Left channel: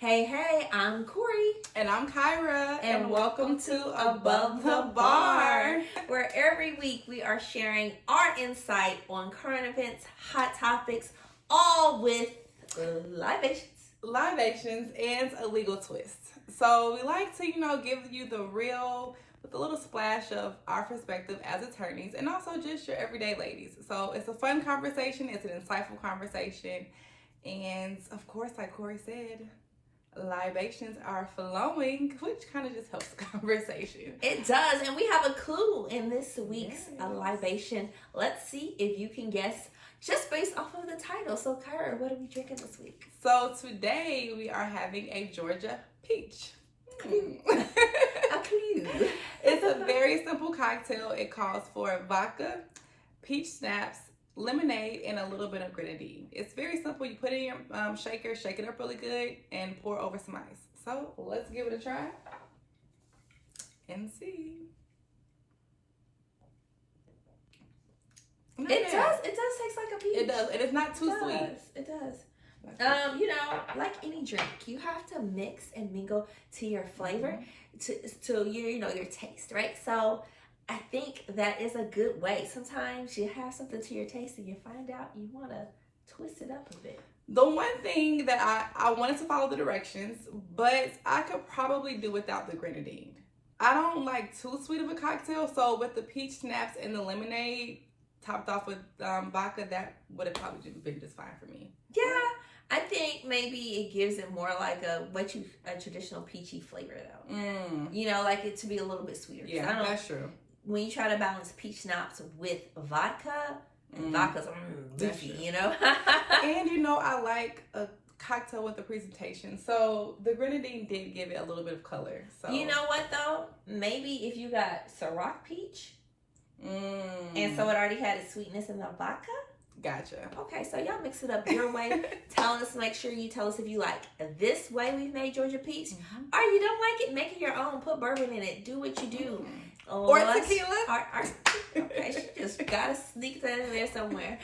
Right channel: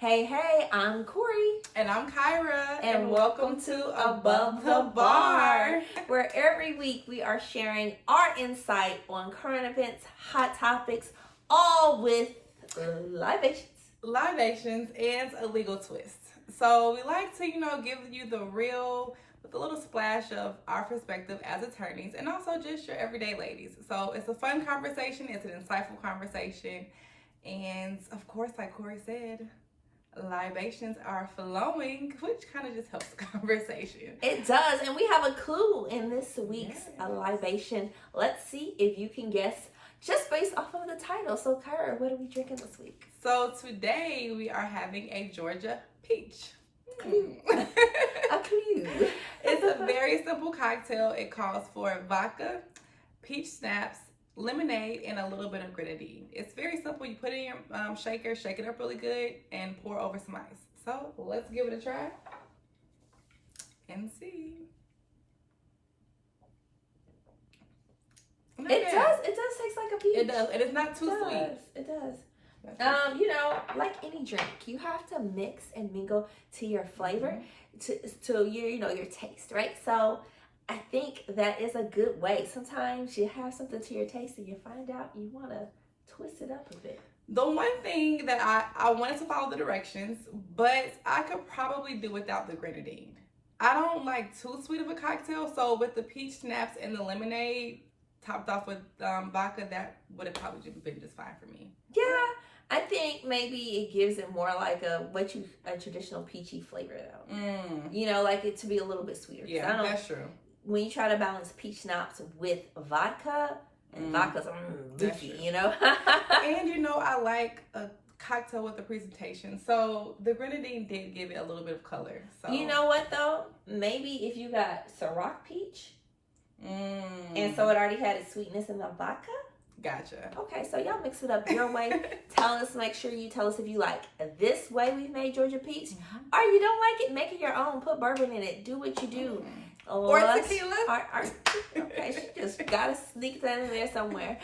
Hey, I'm Corey. And I'm Kyra. And welcome to Above the Bar, where every week we are sharing our insight on current events, hot topics, all with libations. Libations and a legal twist. So we like to, give you the real with a little splash of our perspective as attorneys and also just your everyday ladies. So it's a fun conversation. It's an insightful conversation. And of course, like Corey said, libations are flowing, which kind of just helps the conversation. It does. And we have a clue in this week's libation. Let's see if you can guess just based off of the title. So, Kyra, what are we drinking this week? So today we are having a Georgia peach. Clue. A clue. It's a very simple cocktail. It calls for vodka, peach schnapps, lemonade, and a little bit of grenadine. It's very simple. You put it in your shaker, shake it up really good, and pour over some ice. So let's give it a try and see. It does taste like a peach. It does. It is not too sweet. It does. Like any drink, you have to mix and mingle to your flavor, to your taste, right? So I think that is a good way. Sometimes you have something to your taste and you find out you want to twist it up a bit. The one thing that I wanted to follow the directions, but I could probably do without the grenadine. I don't like too sweet of a cocktail, so with the peach schnapps and the lemonade topped off with vodka, that would have probably been just fine for me. Yeah, I think maybe it gives it more like a traditional peachy flavor though. Like it to be a little bit sweeter. Yeah, that's true. When you try to balance peach schnapps with vodka, vodka's beefy, And I like a cocktail with a presentation. So the grenadine did give it a little bit of color. So you know what though? Maybe if you got Ciroc peach, and so it already had its sweetness in the vodka. Gotcha. Okay, so y'all mix it up your way. Make sure you tell us if you like this way we've made Georgia peach, or you don't like it, make it your own. Put bourbon in it. Do what you do. Or tequila. Okay, she just gotta sneak that in there somewhere.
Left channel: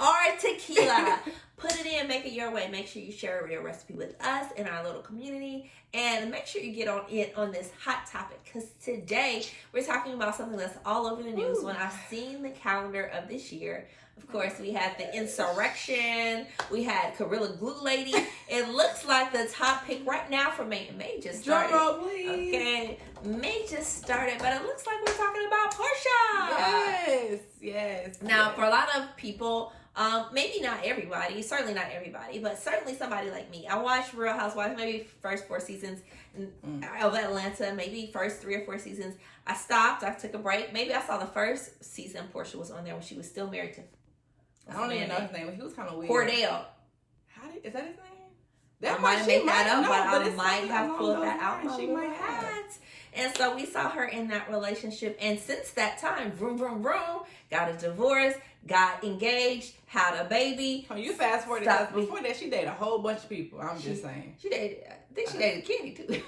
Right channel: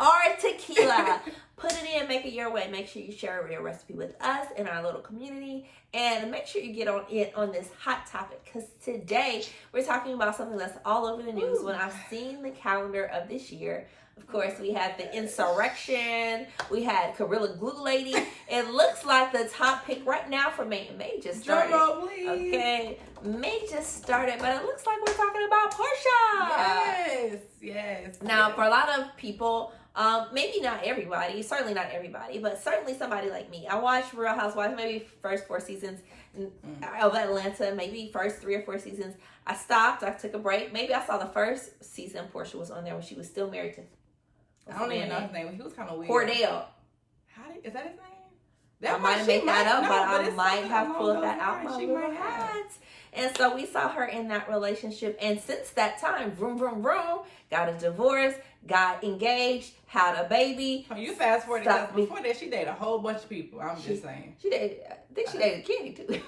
Or tequila. Put it in, make it your way. Make sure you share your recipe with us in our little community. And make sure you get on this hot topic. Because today we're talking about something that's all over the news. When I've seen the calendar of this year, of course, we had the insurrection. We had Gorilla Glue Lady. It looks like the top pick right now for May just started. Drum roll, please. Okay, May just started, but it looks like we're talking about Porsha. Yes. Now, for a lot of people, maybe not everybody, certainly not everybody, but certainly somebody like me. I watched Real Housewives, maybe first 4 seasons of Atlanta, maybe first 3 or 4 seasons. I stopped. I took a break. Maybe I saw the first season Porsha was on there when she was still married to. I don't even know his name. He was kind of weird. Cordell. Is that his name? That might have made that up, but I might have pulled that out my little hat. And so we saw her in that relationship. And since that time, vroom, vroom, vroom, got a divorce, got engaged, had a baby. Oh, you fast forward because before that, she dated a whole bunch of people. I'm just saying. I think she dated Kenny too.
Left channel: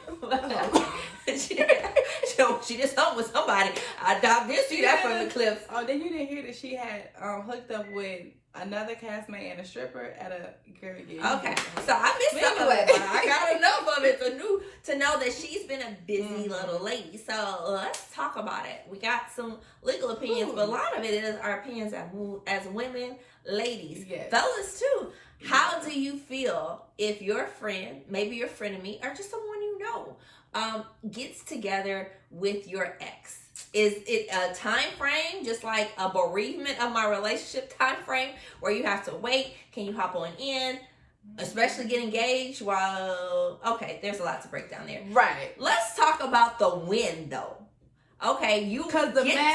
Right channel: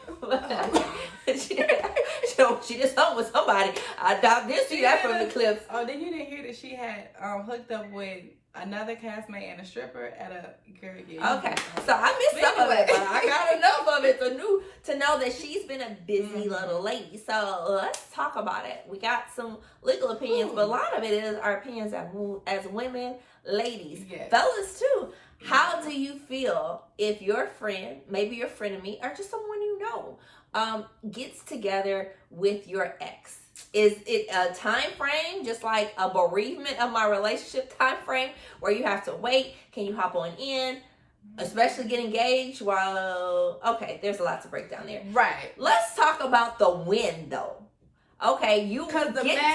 she just hung with somebody. I doubt this. See that from the clips. Oh, then you didn't hear that she had hooked up with another castmate and a stripper at a girl. Okay, so I missed some of it, but I got enough of it to know that she's been a busy little lady. So let's talk about it. We got some legal opinions, but a lot of it is our opinions as women, ladies, fellas too. How do you feel if your friend, maybe your frenemy, or just someone you know, gets together with your ex? Is it a time frame, just like a bereavement of my relationship time frame, where you have to wait? Can you hop on in, especially get engaged? There's a lot to break down there. Right. Let's talk about the win, though. Okay, you get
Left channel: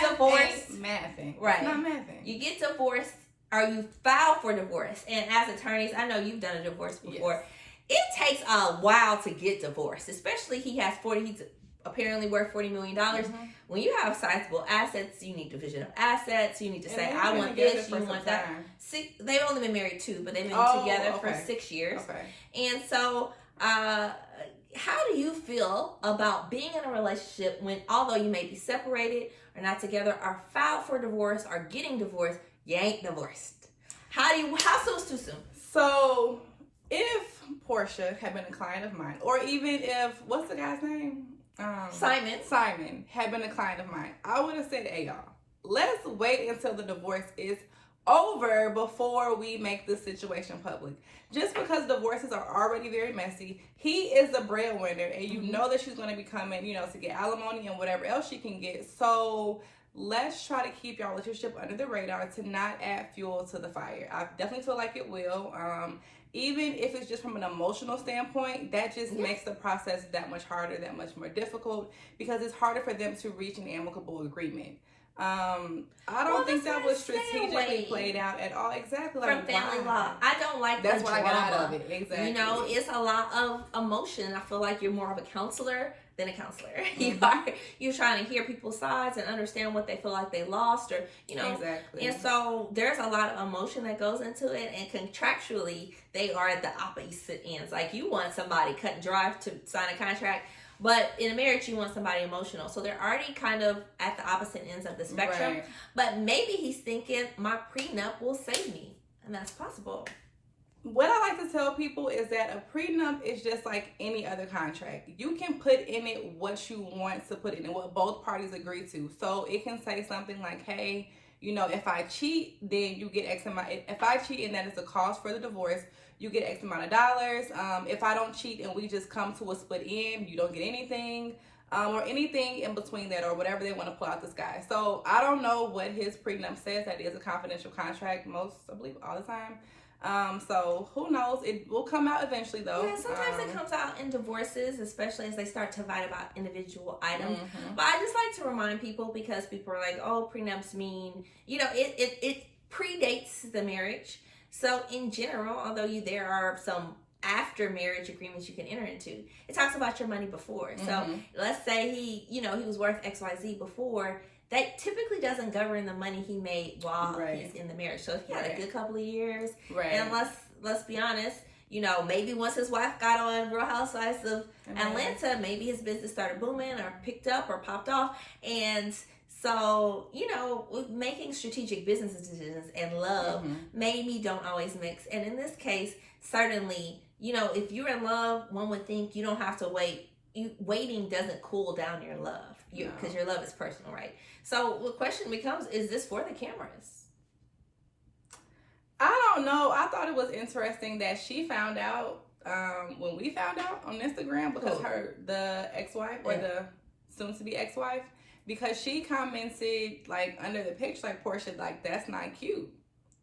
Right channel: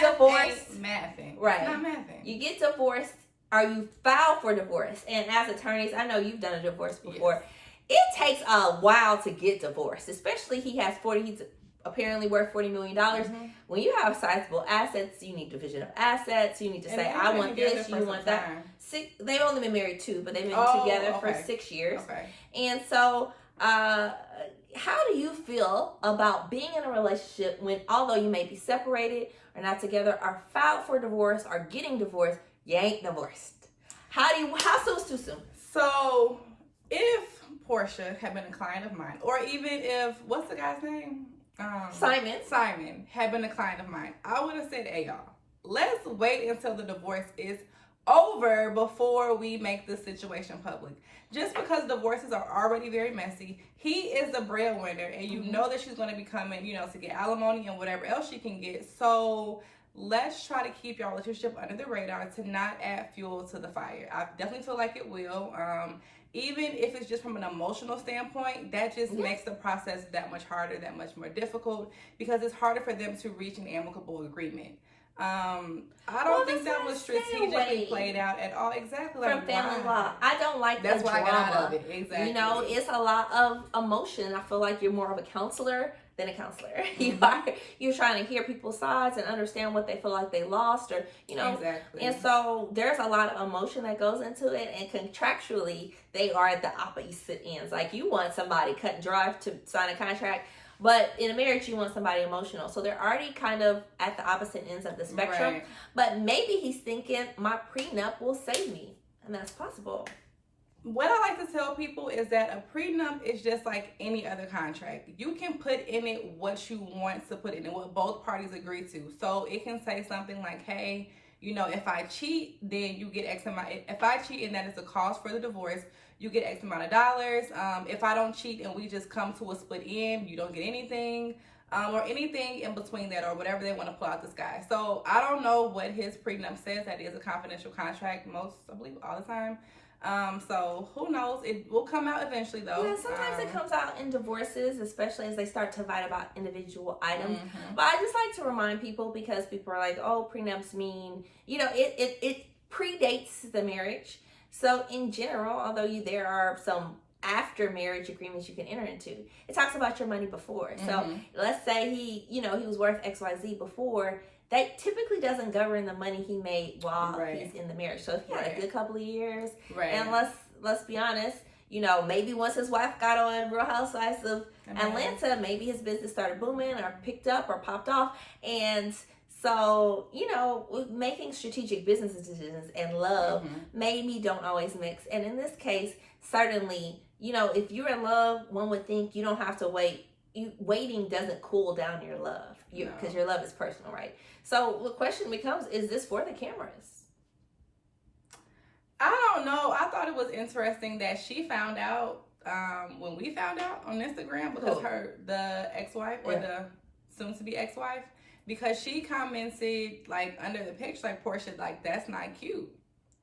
divorced. Mathing. Right. It's not mathing. You get divorced, or you file for divorce. And as attorneys, I know you've done a divorce before. Yes. It takes a while to get divorced, especially he's apparently worth $40 million. When you have sizable assets, you need division of assets. You need to say, I want this, you want that. They've only been married 2, but they've been together for 6 years. Okay. And so, how do you feel about being in a relationship when, although you may be separated or not together, or filed for divorce or getting divorced, you ain't divorced? How soon is too soon? So, if Porsha had been a client of mine, or even if, what's the guy's name? Simon had been a client of mine, I would have said, hey, y'all, let's wait until the divorce is over before we make this situation public. Just because divorces are already very messy, he is the breadwinner, and you know that she's going to be coming, you know, to get alimony and whatever else she can get. So let's try to keep y'all relationship under the radar to not add fuel to the fire. I definitely feel like it will. Even if it's just from an emotional standpoint, that just makes the process that much harder, that much more difficult, because it's harder for them to reach an amicable agreement. I don't think that was strategically played out at all. Exactly. From family law. I don't like that's the what drama. I got out of it. Exactly. You know, it's a lot of emotion. I feel like you're more of a counselor than a counselor. You're trying to hear people's sides and understand what they feel like they lost, or, you know. Exactly. And so there's a lot of emotion that goes into it, and contractually they are at the opposite ends. Like, you want somebody cut and dry to sign a contract, but in a marriage, you want somebody emotional. So they're already kind of at the opposite ends of the spectrum. Right. But maybe he's thinking, my prenup will save me. And that's possible. What I like to tell people is that a prenup is just like any other contract. You can put in it what you want to put in it, what both parties agree to. So it can say something like, hey, you know, if I cheat, then you get X amount. If I cheat and that is the cost for the divorce, you get X amount of dollars. If I don't cheat and we just come to a split end, you don't get anything, or anything in between that, or whatever they want to pull out the sky. So I don't know what his prenup says. That is a confidential contract I believe, all the time. So who knows? It will come out eventually, though. Yeah, sometimes it comes out in divorces, especially as they start to fight about individual items. But I just like to remind people, because people are like, oh, prenups mean, you know, it predates the marriage. So in general, although there are some after marriage agreements you can enter into, it talks about your money before. So let's say he was worth XYZ before. That typically doesn't govern the money he made while he's in the marriage. So if he had a good couple of years, and let's be honest, you know, maybe once his wife got on Real Housewives of Atlanta, maybe his business started booming or picked up or popped off. And so, you know, making strategic business decisions and love maybe don't always mix. And in this case, certainly, you know, if you're in love, one would think you don't have to wait. Waiting doesn't cool down your love, because your love is personal, right? So the question becomes, is this for the cameras? I don't know. I thought it was interesting that she found out when we found out on Instagram, because the ex-wife, or the soon-to-be ex-wife, because she commented, like, under the picture, like, Porsha, like, that's not cute.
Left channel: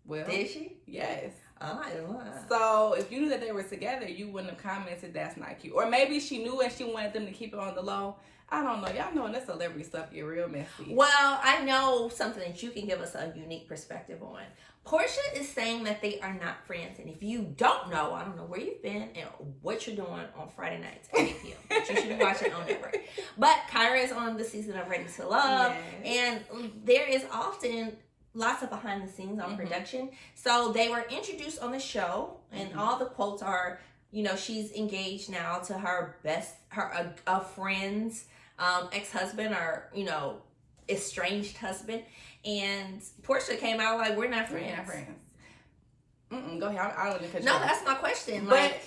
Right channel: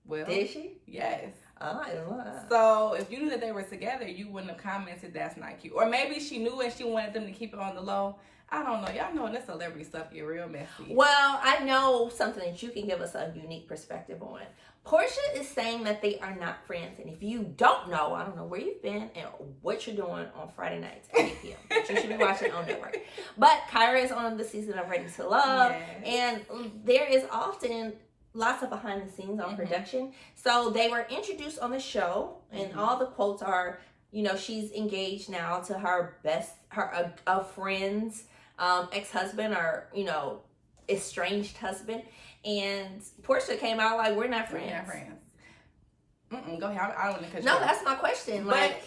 Well, did she? Yes. Oh, I didn't know. So if you knew that they were together, you wouldn't have commented that's not cute. Or maybe she knew and she wanted them to keep it on the low. I don't know. Y'all know this celebrity stuff get real messy. Well, I know something that you can give us a unique perspective on. Porsha is saying that they are not friends. And if you don't know, I don't know where you've been and what you're doing on Friday nights at 8 p.m. But you should be watching on network. But Kyra is on the season of Ready to Love. Yes. And there is often lots of behind the scenes on production. So they were introduced on the show, and all the quotes are, you know, she's engaged now to her a friend's ex-husband, or, you know, estranged husband. And Porsha came out like, we're not friends. We're not friends. Go ahead. I don't want to. No, that's my question. But like,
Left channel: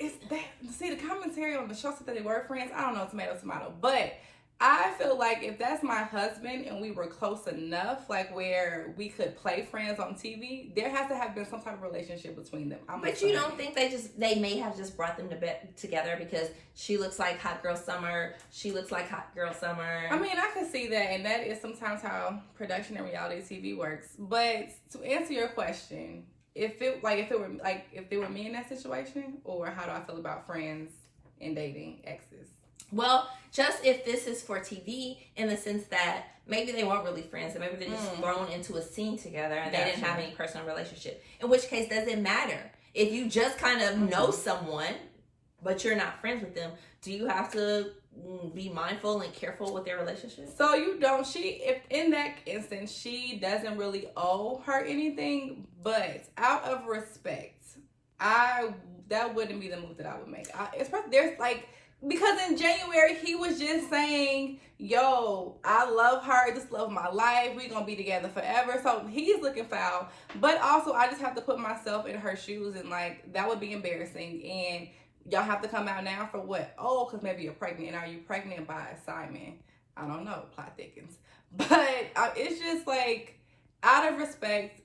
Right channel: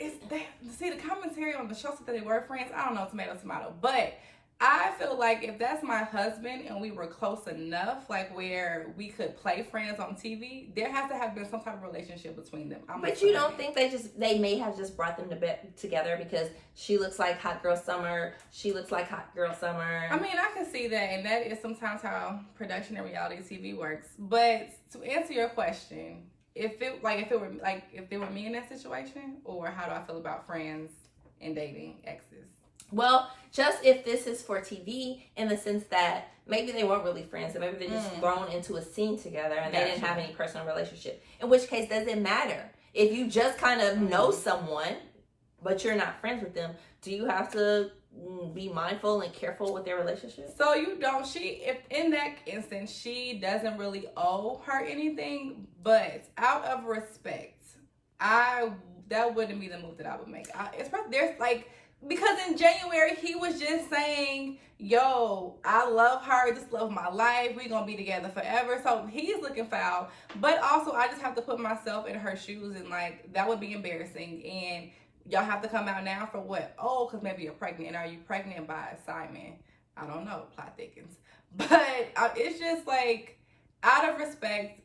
it's that, see, the commentary on the show said that they were friends. I don't know, tomato. But I feel like if that's my husband and we were close enough, like where we could play friends on TV, there has to have been some type of relationship between them. But you don't think they may have just brought them together because she looks like Hot Girl Summer, she looks like Hot Girl Summer? I mean, I can see that, and that is sometimes how production and reality TV works. But to answer your question, if they were me in that situation, or how do I feel about friends and dating exes? Well, just if this is for TV, in the sense that maybe they weren't really friends, and maybe they're just thrown into a scene together and they didn't have any personal relationship. In which case, does it matter? If you just kind of know someone, but you're not friends with them, do you have to be mindful and careful with their relationship? So you don't. If in that instance, she doesn't really owe her anything, but out of respect, that wouldn't be the move that I would make. There's like Because in January, he was just saying, yo, I love her. This love of my life. We're going to be together forever. So he's looking foul. But also, I just have to put myself in her shoes. And, like, that would be embarrassing. And y'all have to come out now for what? Oh, because maybe you're pregnant. And are you pregnant by Simon? I don't know. Plot thickens. But it's just, like, out of respect,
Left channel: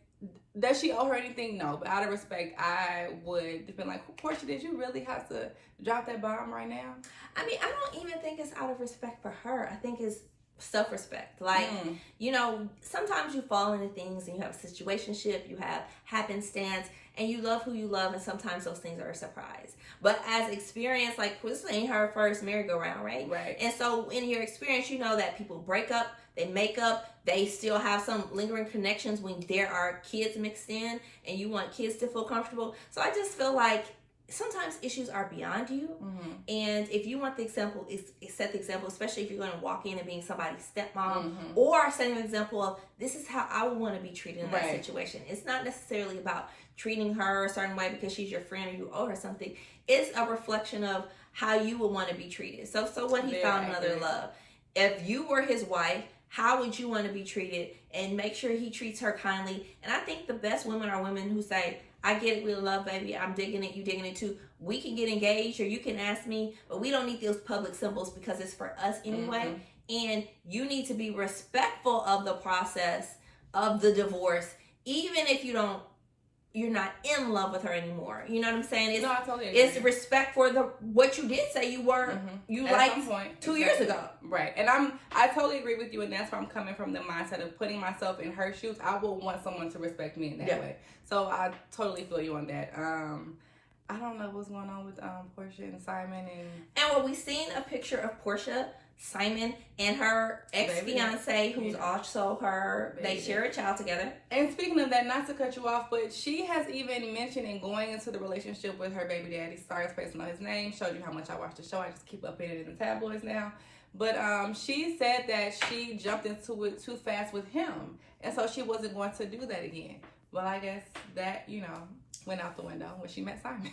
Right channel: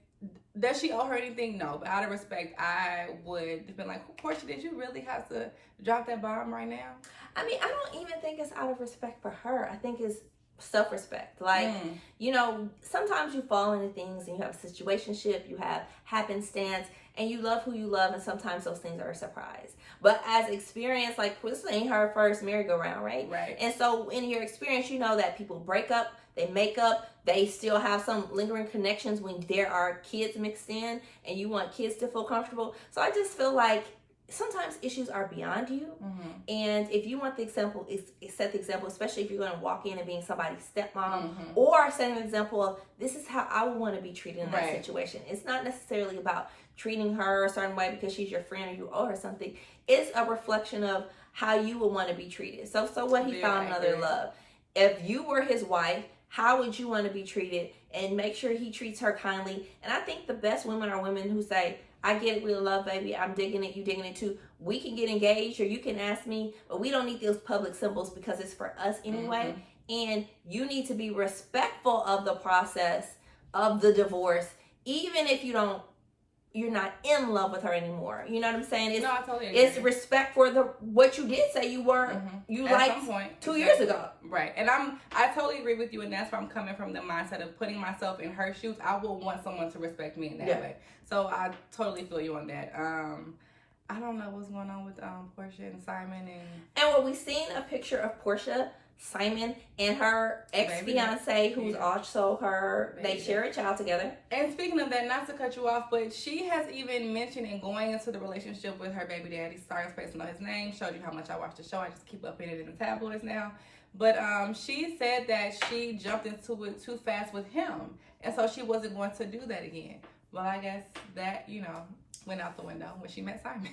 does she owe her anything? No. But out of respect, I would have been like, Porsha, did you really have to drop that bomb right now? I mean, I don't even think it's out of respect for her. I think it's self-respect. Like, you know, sometimes you fall into things and you have a situationship, you have happenstance, and you love who you love, and sometimes those things are a surprise. But as experience, like, this ain't her first merry-go-round, right? Right. And so in your experience, you know that people break up, they make up, they still have some lingering connections when there are kids mixed in, and you want kids to feel comfortable. So I just feel like sometimes issues are beyond you. And if you want the example, set the example, especially if you're going to walk in and being somebody's stepmom, or set an example of, this is how I would want to be treated in that situation. It's not necessarily about treating her a certain way because she's your friend or you owe her something. It's a reflection of how you would want to be treated. So what he found another love. If you were his wife, how would you want to be treated? And make sure he treats her kindly. And I think the best women are women who say, I get it, we love, baby. I'm digging it, you digging it too. We can get engaged, or you can ask me, but we don't need those public symbols because it's for us anyway. And you need to be respectful of the process of the divorce, even if you're not in love with her anymore. You know what I'm saying? No, I totally agree. It's respect for what you did say you weren't, you liked some point, 2 years ago. Right. And I totally agree with you, and that's where I'm coming from, the mindset of putting myself in her shoes. I would want someone to respect me in that way. So I totally feel you on that. I don't know what's going on with Porsha and Simon and when we seen a picture of Porsha, Simon, and her ex-fiance, who's also her, they share a child together. And speaking of that, not to cut you off, but she has even mentioned in going into the relationship with her baby daddy, sorry for spacing on his name, showed you how much I watch the show, I just keep up in it in the tabloids now. But she said that she jumped into it too fast with him, and so she wasn't going to do that again. Well, I guess that, you know, went out the window when she met Simon.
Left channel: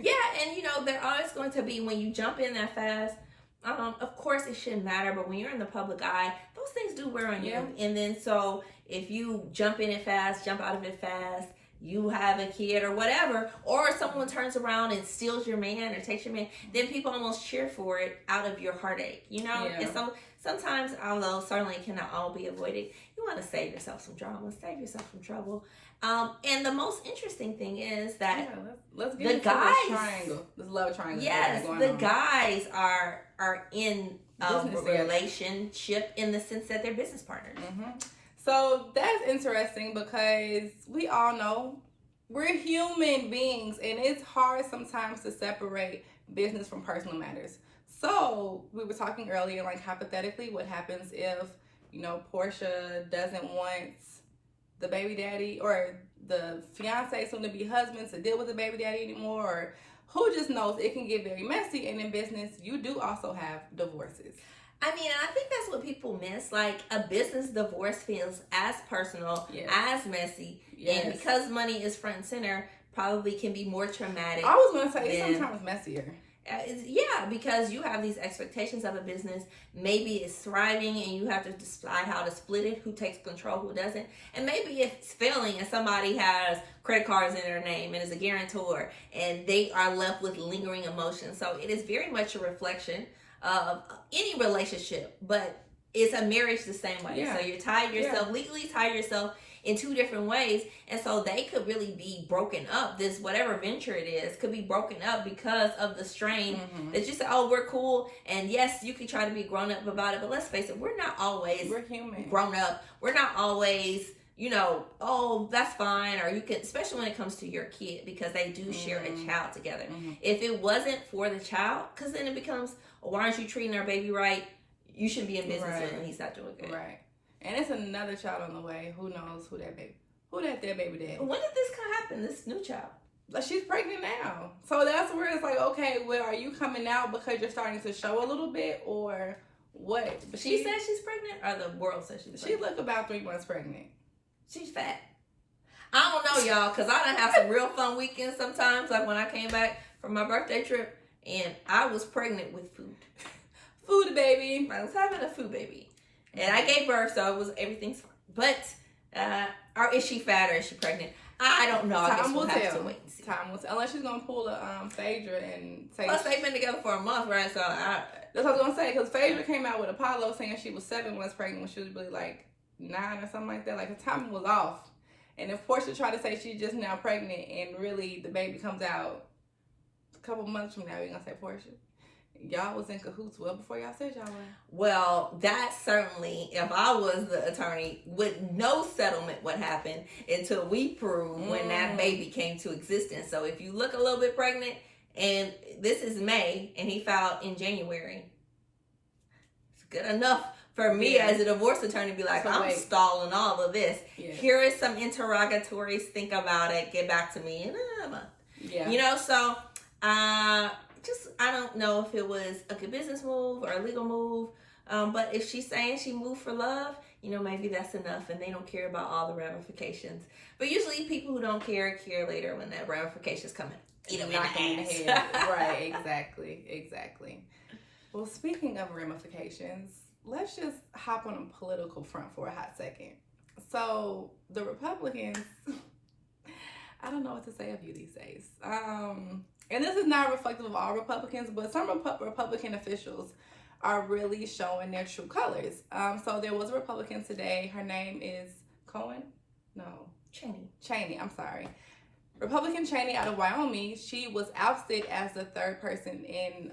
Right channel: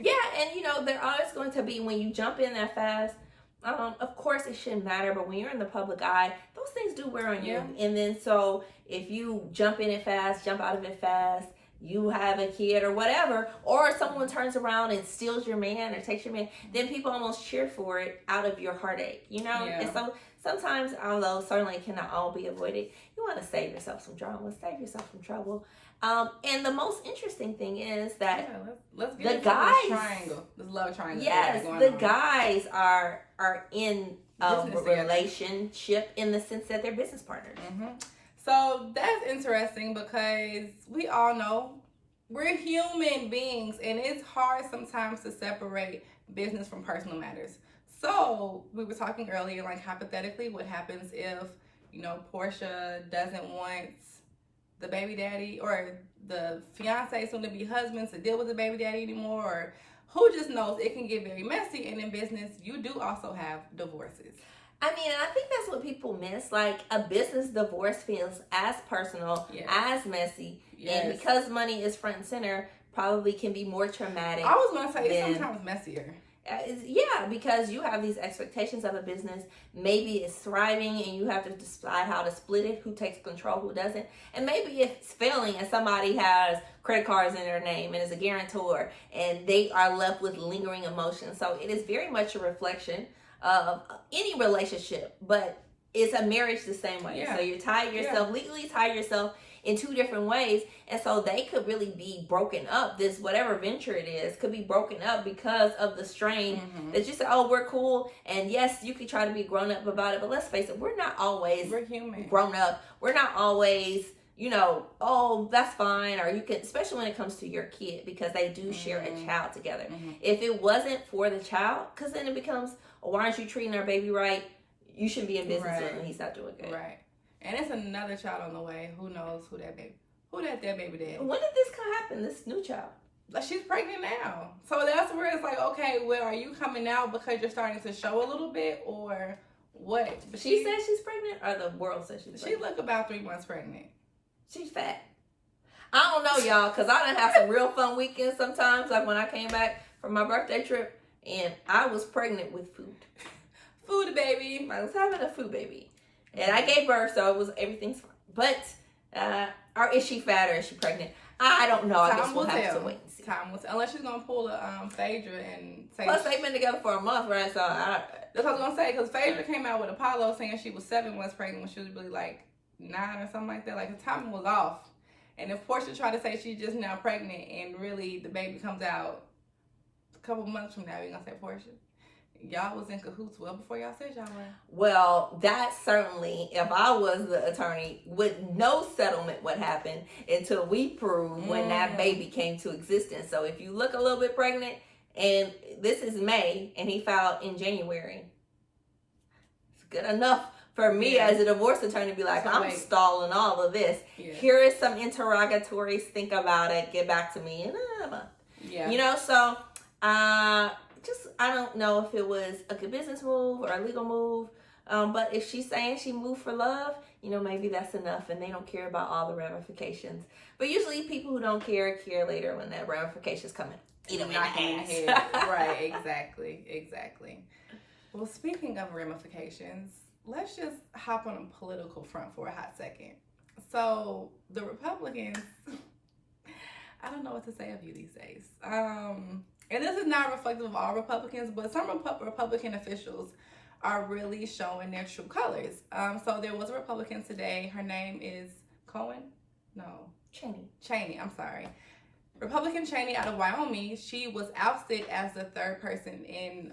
Yeah, and you know, there always going to be, when you jump in that fast, of course it shouldn't matter, but when you're in the public eye, those things do wear on you. And then so if you jump in it fast, jump out of it fast, you have a kid or whatever, or someone turns around and steals your man or takes your man, then people almost cheer for it out of your heartache, you know? And so sometimes, although certainly it cannot all be avoided, you want to save yourself some drama, save yourself some trouble. And the most interesting thing is that let's get into this triangle, this love triangle. Yes, the guys are in a relationship in the sense that they're business partners. So that's interesting because we all know we're human beings, and it's hard sometimes to separate business from personal matters. So we were talking earlier, like hypothetically, what happens if, you know, Porsha doesn't want the baby daddy or the fiance, soon to be husband, to deal with the baby daddy anymore, or who just knows, it can get very messy. And in business, you do also have divorces. I mean, I think that's what people miss. Like, a business divorce feels as personal, as messy, and because money is front and center, probably can be more traumatic. I was going to say sometimes messier. Yeah, because you have these expectations of a business. Maybe it's thriving and you have to decide how to split it, who takes control, who doesn't. And maybe it's failing and somebody has credit cards in their name and is a guarantor, and they are left with lingering emotions. So it is very much a reflection of any relationship, but it's a marriage the same way. So you're tied yourself, legally tied yourself in two different ways, and so they could really be broken up. This whatever venture it is could be broken up because of the strain that you say, oh, we're cool, and yes, you can try to be grown up about it, but let's face it, we're not always human grown up. We're not always, you know, oh, that's fine, or you can, especially when it comes to your kid, because they do share a child together. If it wasn't for the child, because then it becomes, oh, why aren't you treating our baby right? You should be in business with him, he's not doing good. And it's another child on the way. Who knows who that baby daddy? When did this happen, this new child? Like, she's pregnant now. So that's where it's like, okay, well, are you coming out because you're starting to show a little bit, or what? But she said she's pregnant, or the world says she's pregnant? She look about 3 months pregnant. She's fat. I don't know, y'all, because I done have some real fun weekends sometimes. Like when I came back from my birthday trip, and I was pregnant with food. Food baby. I was having a food baby. And I gave birth, so everything's fine. But, or is she fat or is she pregnant? I don't know. I guess we'll have to wait and see. Time will tell. Unless she's going to pull a Phaedra and say... Plus, they've been together for a month, right? So, that's what I was going to say. Because Phaedra came out with Apollo saying she was 7 months pregnant when she was really like 9 or something like that. Like, the timing was off. And if Porsha tried to say she's just now pregnant and really the baby comes out a couple months from now, you're going to say Porsha? Y'all was in cahoots well before y'all said y'all were. Well, that certainly, if I was the attorney, with no settlement would happen until we prove when that baby came to existence. So if you look a little bit pregnant, and this is May, and he filed in January, it's good enough for me as a divorce attorney to be like, I'm stalling all of this. Here is some interrogatories. Think about it. Get back to me in a month. You know, so... I don't know if it was a good business move or a legal move, but if she's saying she moved for love, you know, maybe that's enough and they don't care about all the ramifications. But usually people who don't care later when that ramifications come in. Eat them in the head. Right, exactly. Well, speaking of ramifications, let's just hop on a political front for a hot second. So, the Republicans, I don't know what to say of you these days. And this is not reflective of all Republicans, but some Republican officials are really showing their true colors. So there was a Republican today. Her name is Cheney. I'm sorry. Republican Cheney out of Wyoming. She was ousted as the third person in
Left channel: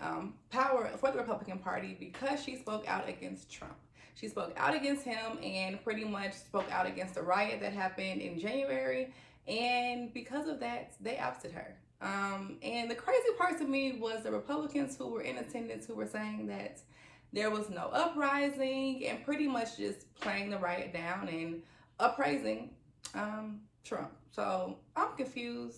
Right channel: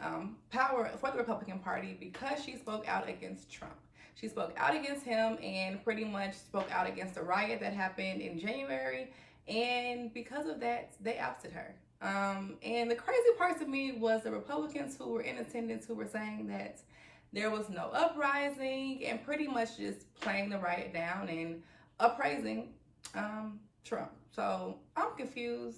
power for the Republican Party because she spoke out against Trump. She spoke out against him and pretty much spoke out against the riot that happened in January. And because of that, they ousted her. And the crazy part to me was the Republicans who were in attendance who were saying that there was no uprising and pretty much just playing the riot down and appraising Trump. So I'm confused,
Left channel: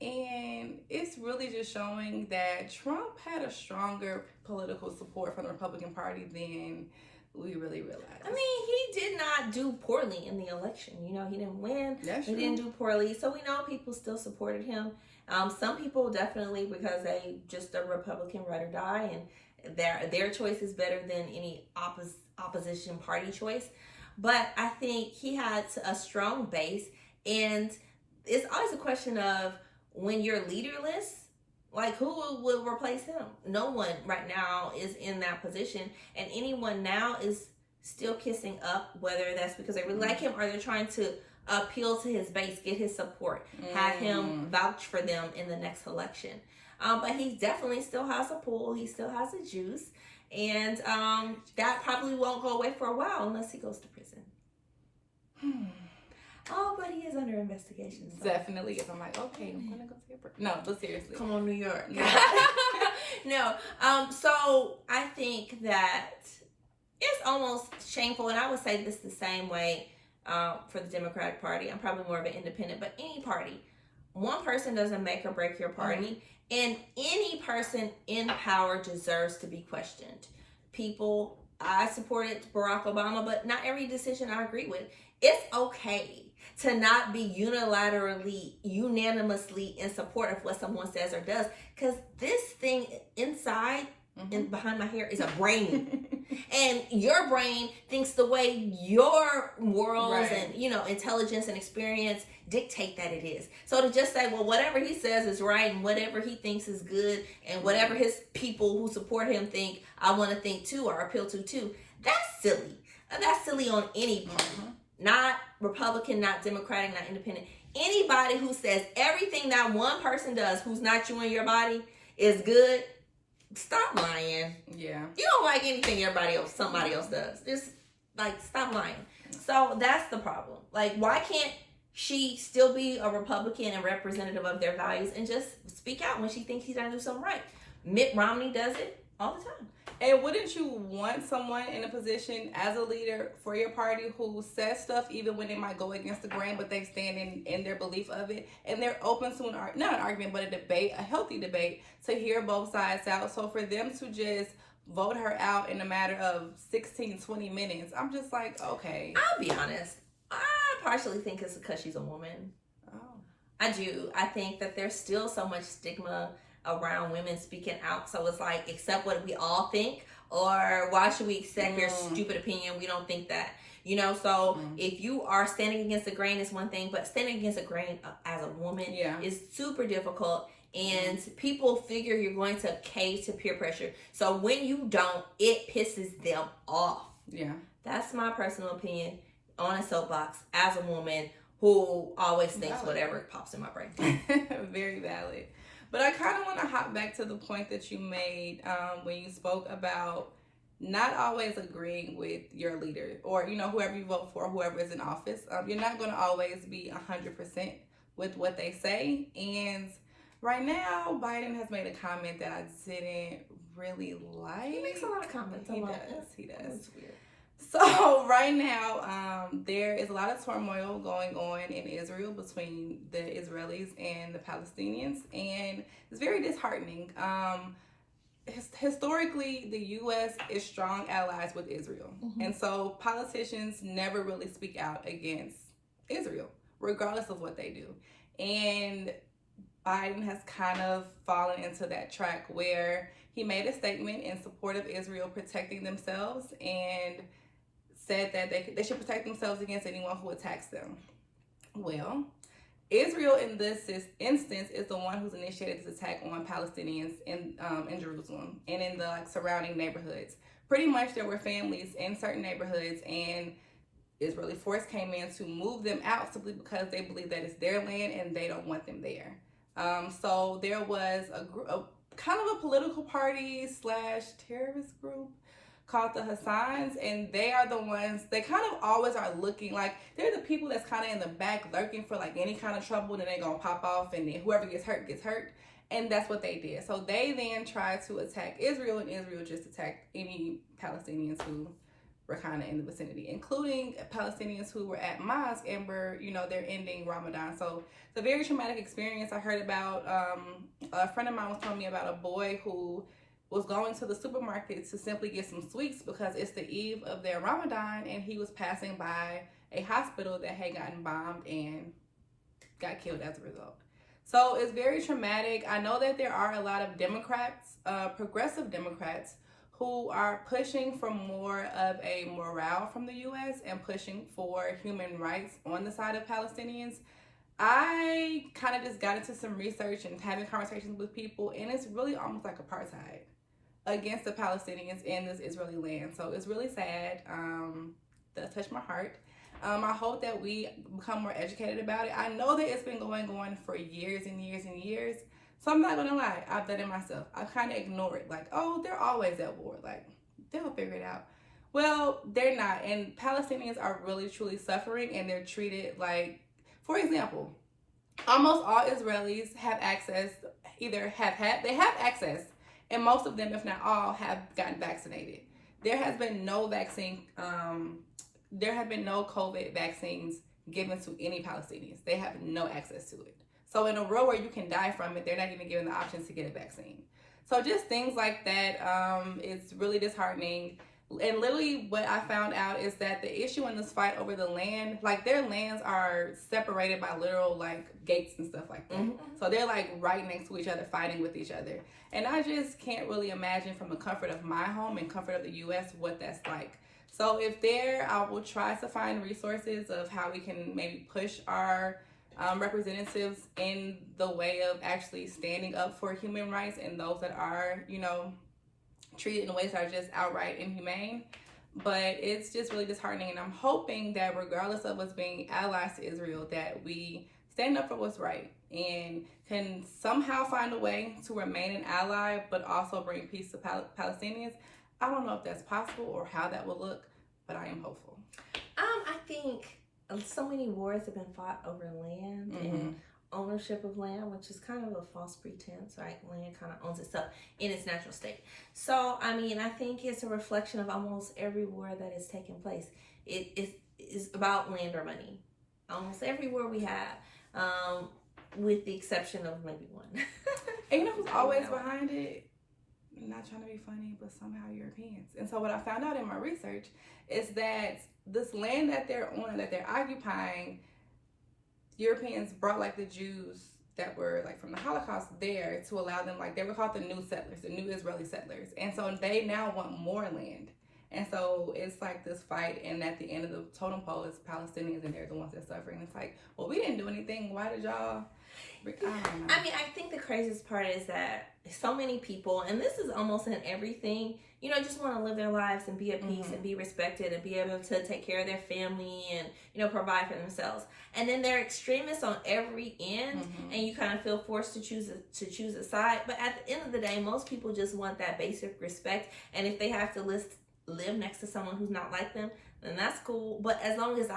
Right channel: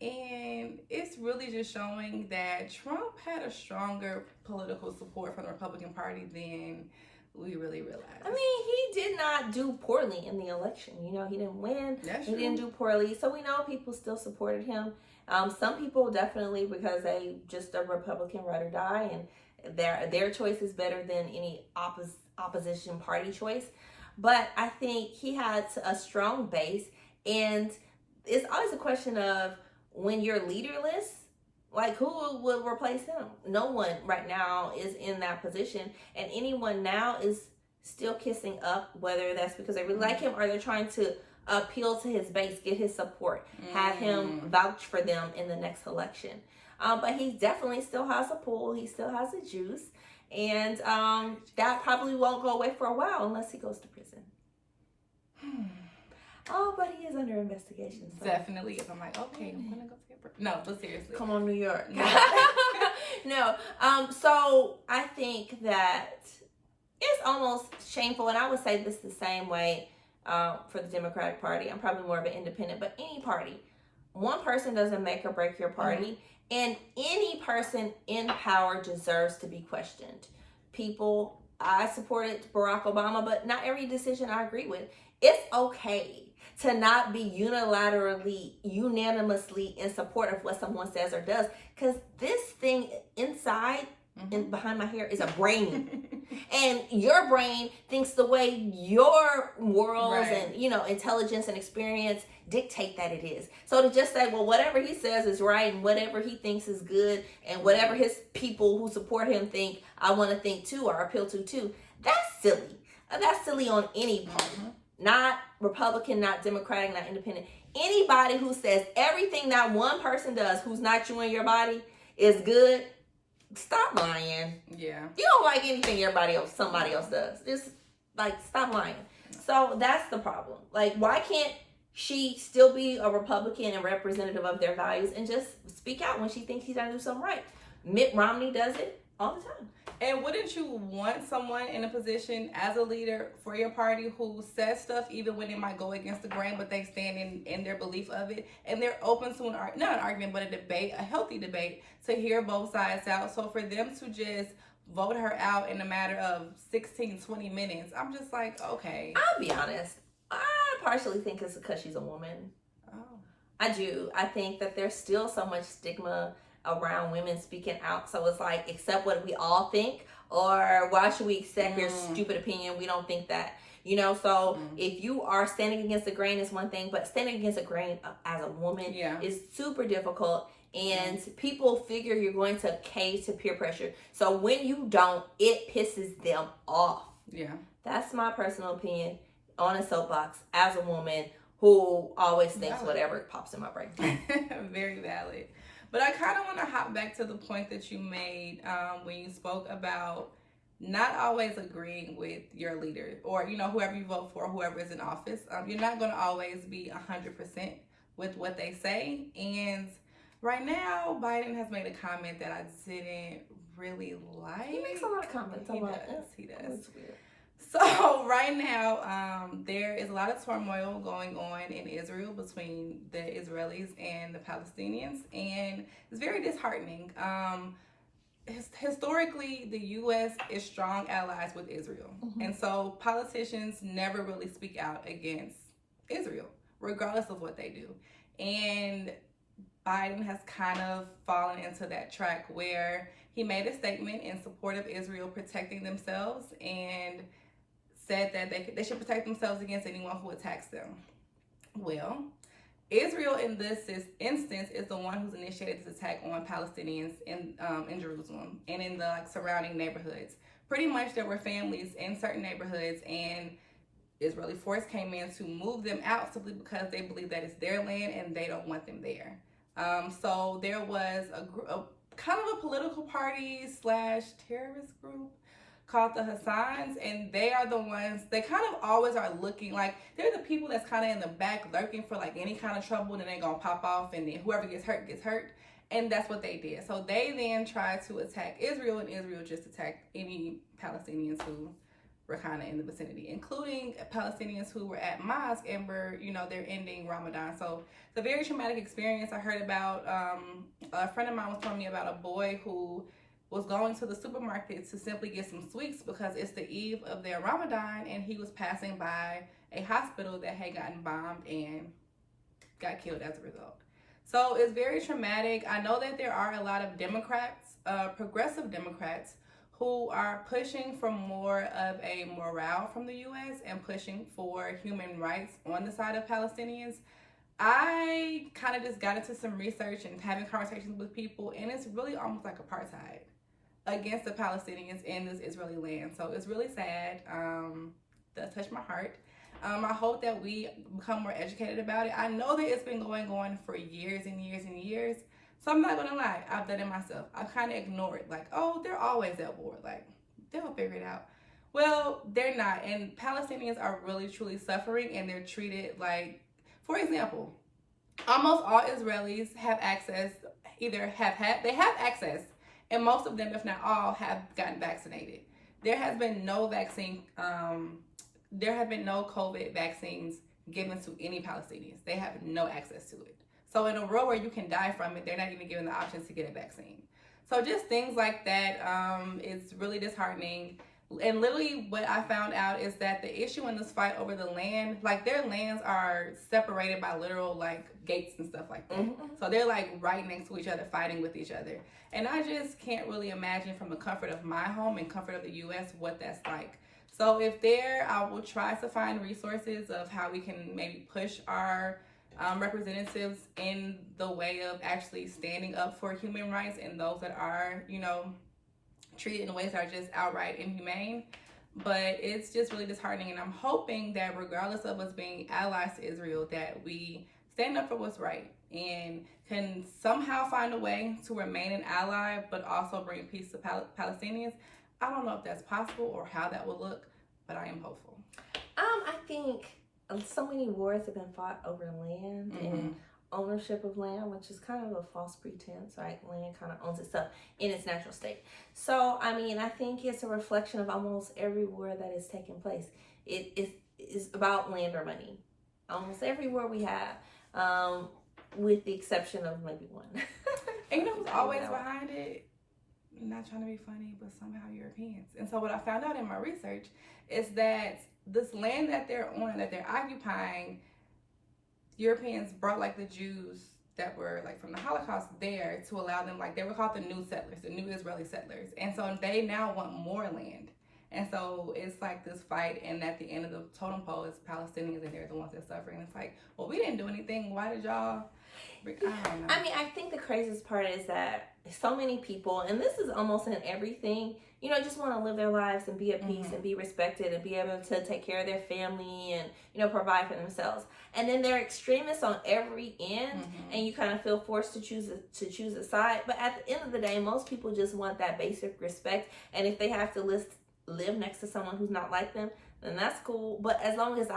and it's really just showing that Trump had a stronger political support from the Republican Party than we really realized. I mean, he did not do poorly in the election. You know, he didn't win. He didn't do poorly. So we know people still supported him. Some people definitely because they just a Republican ride or die, and their choice is better than any opposition party choice. But I think he had a strong base, and it's always a question of when you're leaderless, like who will replace him? No one right now is in that position, and anyone now is still kissing up, whether that's because they really like him or they're trying to appeal to his base, get his support, have him vouch for them in the next election. But he definitely still has a pull. He still has a juice. And that probably won't go away for a while unless he goes to prison. Oh, but he is under investigation. So. Definitely is. I'm like, okay, I'm going to go to prison. No, but seriously. Come on, New York. No. So I think that it's almost shameful. And I would say this the same way for the Democratic Party. I'm probably more of an independent, but any party. One person doesn't make or break your party. And any person in power deserves to be questioned. I supported Barack Obama, but not every decision I agree with. It's okay to not be unanimously in support of what someone says or does. Because this thing inside and behind my hair is a brain. And your brain thinks the way your morals and, intelligence and experience dictate that it is. So to just say, well, whatever he says is right and whatever he thinks is good and whatever his people who support him think, I want to think too or appeal to too, that's silly. That's silly on any party. Not Republican, not Democratic, not independent. Anybody who says everything that one person does who's not you and your body is good, stop lying. Yeah. You don't like anything somebody else does. Just stop lying. So that's the problem. Why can't she still be a Republican and representative of their values and just speak out when she thinks he's gonna do something right? Mitt Romney does it all the time. And wouldn't you want someone in a position as a leader for your party who says stuff even when it might go against the grain, but they stand in their belief of it, and they're open to not an argument, but a debate, a healthy debate, to hear both sides out. So for them to just vote her out in a matter of 16, 20 minutes, I'm just like, okay. I'll be honest. I partially think it's because she's a woman. Oh. I do. I think that there's still so much stigma around women speaking out. So it's like, accept what we all think, or why should we accept your stupid opinion? We don't think that. You know, so if you are standing against the grain is one thing, but standing against the grain as a woman is super difficult. And people figure you're going to cave to peer pressure. So when you don't, it pisses them off. Yeah. That's my personal opinion on a soapbox as a woman who always thinks whatever pops in my brain. Very valid. But I kind of want to hop back to the point that you made when you spoke about not always agreeing with your leader, or, you know, whoever you vote for, whoever is in office. You're not going to always be 100% with what they say. And right now, Biden has made a comment that I didn't really like. He makes a lot of comments. He does. It's weird. So right now, there is a lot of turmoil going on in Israel between the Israelis and the Palestinians, and it's very disheartening. Historically, the U.S. is strong allies with Israel, and so politicians never really speak out against Israel, regardless of what they do. And Biden has kind of fallen into that track where he made a statement in support of Israel protecting themselves and said that they should protect themselves against anyone who attacks them. Well, Israel in this instance is the one who's initiated this attack on Palestinians in Jerusalem and in the surrounding neighborhoods. Pretty much there were families in certain neighborhoods, and Israeli force came in to move them out simply because they believe that it's their land and they don't want them there. So there was a kind of a political party / terrorist group called the Hassans, and they are the ones, they kind of always are looking like they're the people that's kind of in the back lurking for like any kind of trouble, and then they're gonna pop off, and then whoever gets hurt. And that's what they did. So they then tried to attack Israel, and Israel just attacked any Palestinians who were kind of in the vicinity, including Palestinians who were at mosque and were, you know, they're ending Ramadan. So it's a very traumatic experience. I heard about, a friend of mine was telling me about a boy who was going to the supermarket to simply get some sweets because it's the eve of their Ramadan, and he was passing by a hospital that had gotten bombed and got killed as a result. So it's very traumatic. I know that there are a lot of Democrats, progressive Democrats, who are pushing for more of a morale from the U.S. and pushing for human rights on the side of Palestinians. I kind of just got into some research and having conversations with people, and it's really almost like apartheid against the Palestinians in this Israeli land. So it's really sad. That touched my heart. I hope that we become more educated about it. I know that it's been going on for years and years and years. So I'm not gonna lie, I've done it myself. I kind of ignore it, like, oh, they're always at war. Like, they'll figure it out. Well, they're not, and Palestinians are really truly suffering, and they're treated like, for example, almost all Israelis have access, they have access, and most of them, if not all, have gotten vaccinated. There has been no vaccine, there have been no COVID vaccines given to any Palestinians. They have no access to it. So in a world where you can die from it, they're not even given the option to get a vaccine. So just things like that, it's really disheartening. And literally what I found out is that the issue in this fight over the land, like their lands are separated by literal like gates and stuff like that. So they're like right next to each other, fighting with each other. And I just can't really imagine from the comfort of my home and comfort of the U.S. what that's like. So if I will try to find resources of how we can maybe push our representatives in the way of actually standing up for human rights and those that are, you know, treated in ways that are just outright inhumane. But it's just really disheartening, and I'm hoping that regardless of us being allies to Israel, that we stand up for what's right and can somehow find a way to remain an ally but also bring peace to Palestinians. I don't know if that's possible or how that will look, but I am hopeful. I think so many wars have been fought over land and ownership of land, which is kind of a false pretense, right? Land kind of owns itself in its natural state. So, I mean, I think it's a reflection of almost every war that is taking place. It is about land or money. Almost every war we have, with the exception of maybe one. And you know who's always behind it? Not trying to be funny, but somehow Europeans. And so what I found out in my research is that this land that they're on, that they're occupying, Europeans brought like the Jews that were like from the Holocaust there to allow them, like they were called the new settlers, the new Israeli settlers. And so they now want more land. And so it's like this fight, and at the end of the totem pole is Palestinians, and they're the ones that suffer. And it's like, well, we didn't do anything. Why did y'all? I don't know. I mean, I think the craziest part is that so many people, and this is almost in everything, you know, just want to live their lives and be at peace and be respected and be able to take care of their family and, you know, provide for themselves. And then they're extremists on every end, and you kind of feel forced to choose a side. But at the end of the day, most people just want that basic respect. And if they have to live next to someone who's not like them, then that's cool. But as long as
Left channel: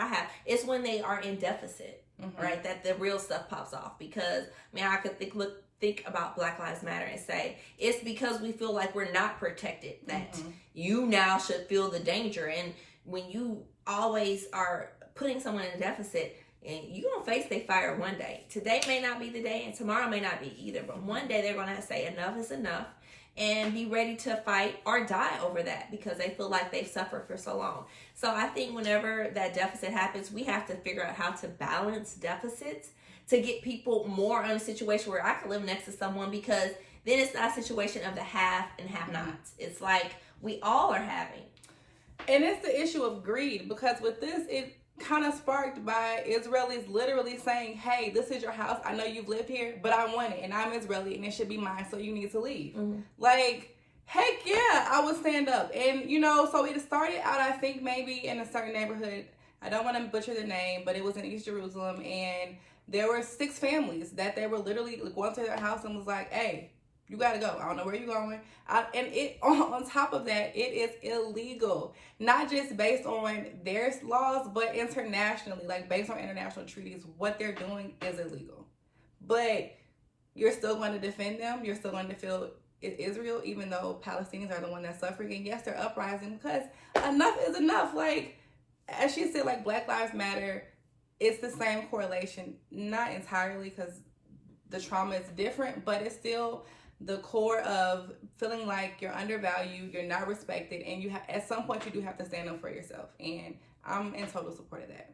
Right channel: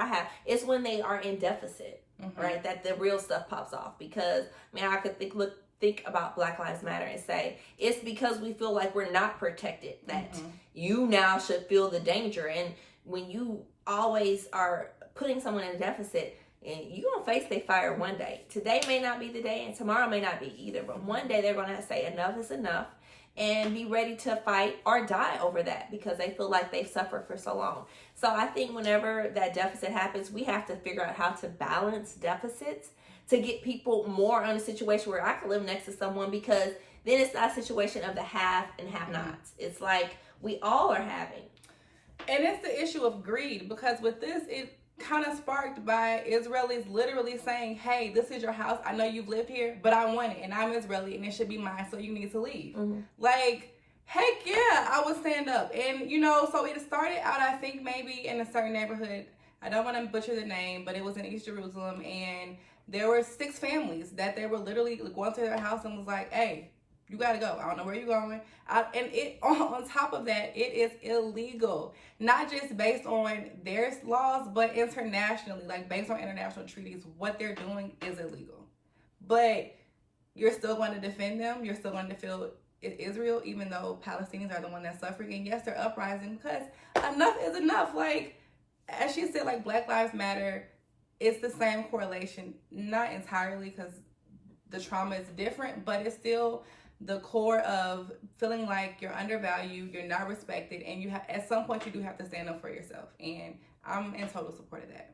it's when they are in deficit, right, that the real stuff pops off. Because, I mean, I could think about Black Lives Matter and say, it's because we feel like we're not protected that you now should feel the danger. And when you always are putting someone in a deficit, and you're going to face they fire one day. Today may not be the day, and tomorrow may not be either. But one day they're going to say enough is enough, and be ready to fight or die over that because they feel like they've suffered for so long. So I think whenever that deficit happens, we have to figure out how to balance deficits to get people more in a situation where I can live next to someone, because then it's not a situation of the have and have nots. It's like we all are having. And it's the issue of greed, because with this, it kind of sparked by Israelis literally saying, hey, this is your house. I know you've lived here, but I want it, and I'm Israeli, and it should be mine, so you need to leave. Like, heck yeah, I would stand up. And, you know, so it started out, I think, maybe in a certain neighborhood. I don't want to butcher the name, but it was in East Jerusalem, and there were 6 families that they were literally going to their house and was like, hey, you gotta go. I don't know where you're going. And it on top of that, it is illegal. Not just based on their laws, but internationally, like based on international treaties, what they're doing is illegal. But you're still going to defend them. You're still going to feel Israel, even though Palestinians are the one that's suffering. And yes, they're uprising because enough is enough. Like, as she said, like Black Lives Matter, it's the same correlation. Not entirely, because the trauma is different, but it's still the core of feeling like you're undervalued, you're not respected, and you have, at some point you do have to stand up for yourself. And I'm in total support of that.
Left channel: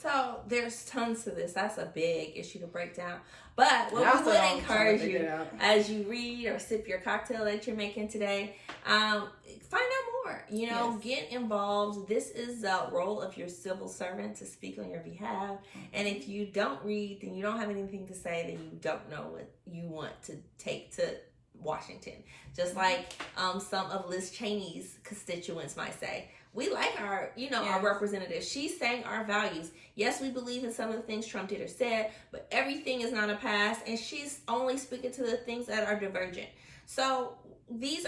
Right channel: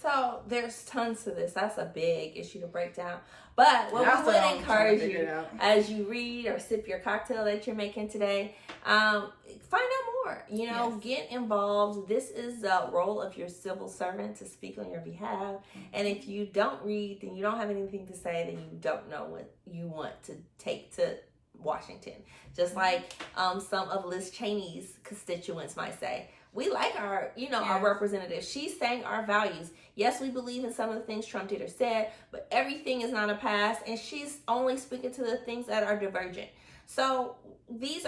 So there's tons to this. That's a big issue to break down. But what we would encourage you as you read or sip your cocktail that you're making today, find out more. You know, get involved. This is the role of your civil servant to speak on your behalf. And if you don't read, then you don't have anything to say, then you don't know what you want to take to Washington. Just like some of Liz Cheney's constituents might say. We like our, our representatives. She's saying our values. Yes, we believe in some of the things Trump did or said, but everything is not a pass, and she's only speaking to the things that are divergent. So this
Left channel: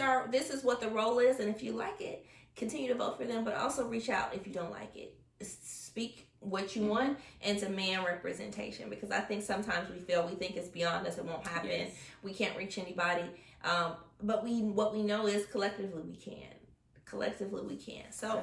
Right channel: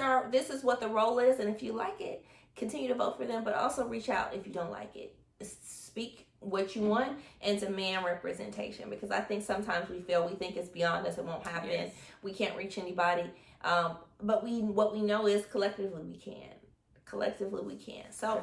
is what the role is, and if you like it, continue to vote for them, but also reach out if you don't like it. Speak what you want and demand representation, because I think sometimes we think it's beyond us, it won't happen. Yes. We can't reach anybody. But what we know is collectively we can. So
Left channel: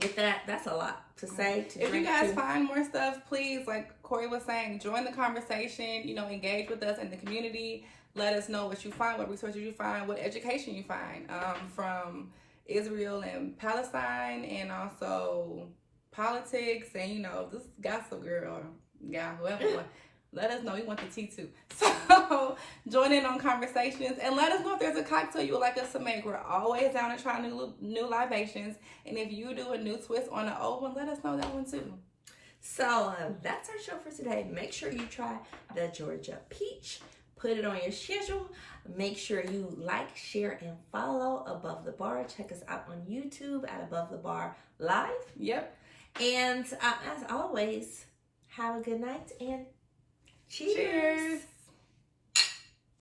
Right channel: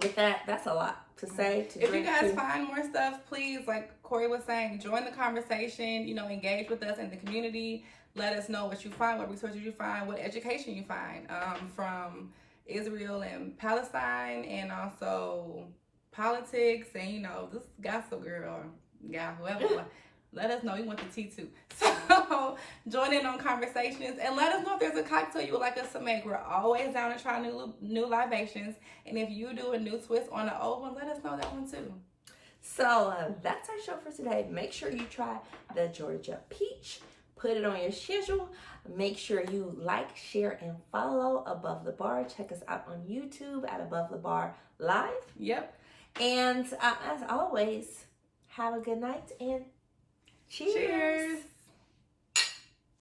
with that's a lot to say. If you guys find more stuff, please, like Corey was saying, join the conversation, engage with us in the community. Let us know what you find, what resources you find, what education you find from Israel and Palestine, and also politics, and this gossip girl or guy, whoever. Let us know. We want the tea too. So join in on conversations and let us know if there's a cocktail you would like us to make. We're always down to try new libations. And if you do a new twist on the old one, let us know that one too. So that's our show for today. Make sure you try the Georgia Peach. Put it on your schedule. Make sure you like, share, and follow Above the Bar. Check us out on YouTube at Above the Bar Live. Yep. And as always, have a good night and cheers.